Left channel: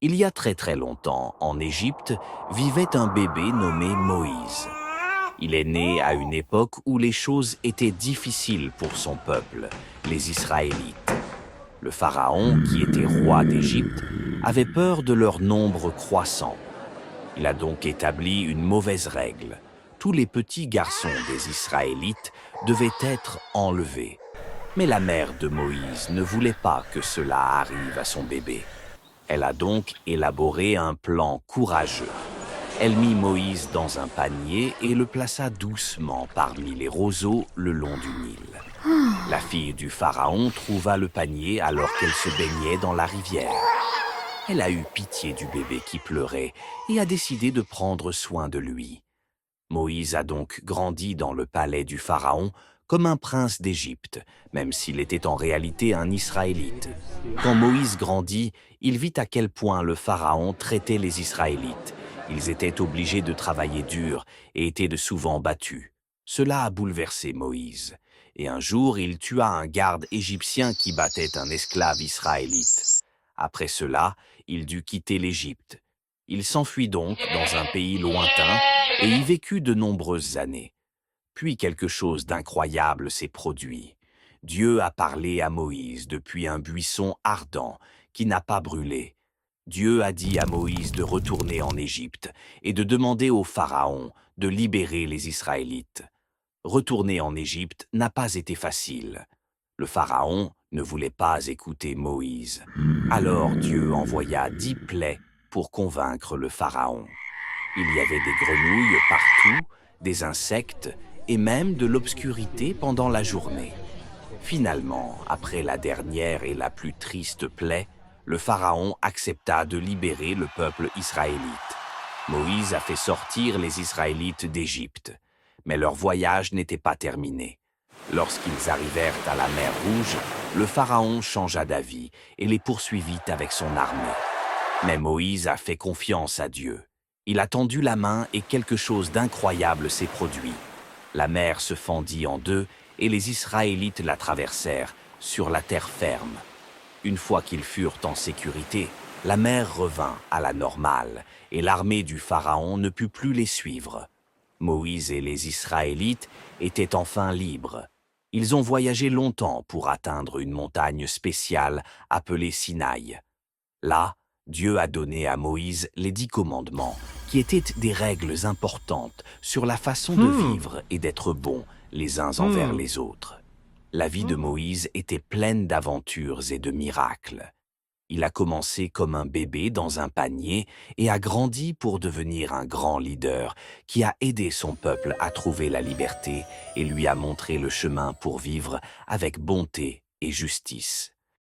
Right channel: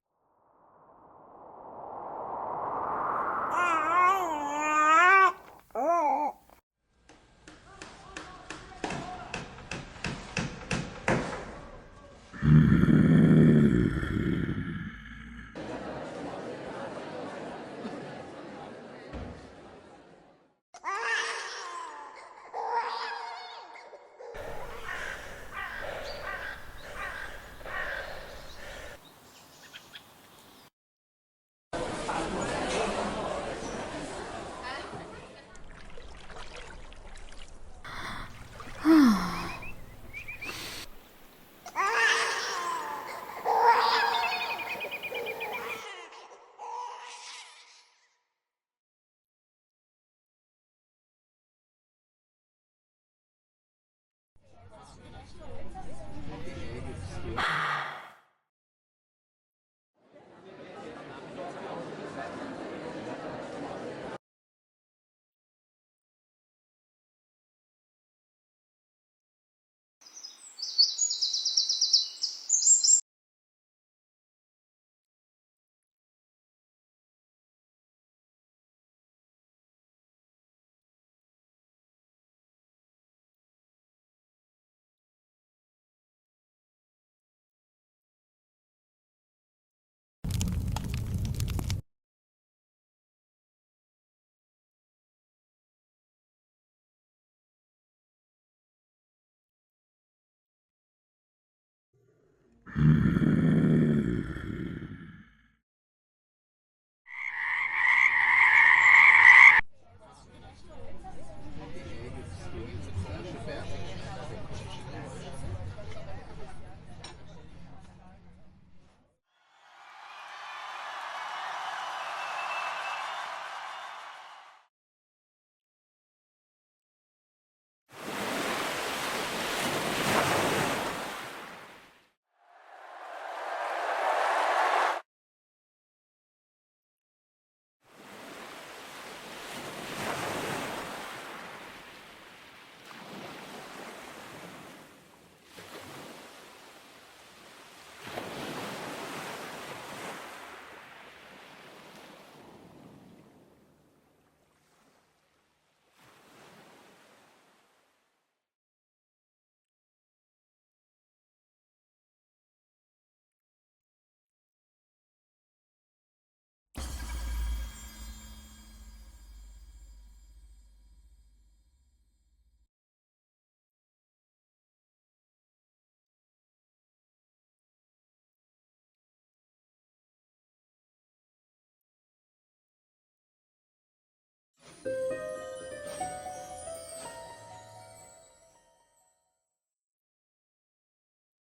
Il y a très longtemps, en Égypte, vivait un bébé nommé Moïse. Il est né à une époque où les choses étaient difficiles pour son peuple, les Israélites. Le pharaon, qui était roi d'Égypte, avait peur de leur nombre croissant. Il a donc établi une mauvaise règle. Tous les petits garçons des Israélites devaient être enlevés. Mais la mère de Moïse ne voulait pas que cela arrive à son bébé. Elle a donc élaboré un plan courageux. Elle mit Moïse dans un panier et le plaça doucement parmi les roseaux le long du Nil. La fille du pharaon trouva le panier alors qu'elle se baignait dans la rivière. Elle a eu pitié du bébé qui pleurait et a décidé de prendre soin de lui. Moïse a donc grandi dans le palais du pharaon comme un prince d'Égypte, même s'il était en réalité un Israélite. Quand Moïse grandit, il vit à quel point le pharaon traitait les Israélites. Ils étaient obligés de travailler dur et étaient de souvent battus. Cela a bouleversé Moïse. Et un jour, il tua un garde égyptien qui battait un esclave israélite. Après cela, il dut quitter l'Égypte. Il s'enfuit donc dans un pays lointain et y vécut de nombreuses années. Puis quelque chose d'incroyable s'est produit. Dieu a parlé à Moïse depuis un buisson ardent qui n'a pas brûlé. Dieu a dit à Moïse de retourner en Égypte et de demander au Pharaon de libérer les Israélites. Retourner en Égypte n'a pas été facile. Le Pharaon ne voulait pas écouter Moïse. Alors Dieu envoya 10 plaies pour convaincre le Pharaon. Il y avait des grenouilles partout, des insectes et même de l'obscurité pendant la journée. Finalement, après la dernière et la plus triste plaie, le Pharaon accepta de libérer le peuple israélite. Moïse a fait sortir les Israélites d'Égypte, mais leur voyage n'était pas terminé. Lorsqu'ils arrivèrent à la mer Rouge, le Pharaon changea d'avis et les poursuivit avec son armée. Mais Moïse a fait confiance à Dieu. Il a tendu la main et quelque chose d'incroyable s'est produit. La mer se fendit en deux et les Israélites la traversèrent sur la terre ferme. Une fois qu'ils furent en sécurité, la mer revint à la normale et l'armée du Pharaon ne put plus les suivre. Moïse et les Israélites étaient enfin libres. Ils ont voyagé longtemps pour atteindre une montagne spéciale appelée Sinaï. Là, Dieu a donné à Moïse les 10 commandements, qui étaient des règles importantes sur la façon de vivre et d'être bons les uns envers les autres. La vie de Moïse était pleine d'aventures et de miracles. Il a commencé comme un bébé dans un panier et a grandi pour devenir un grand leader qui a aidé son peuple à trouver la liberté et lui a montré le chemin pour vivre avec bonté et justice.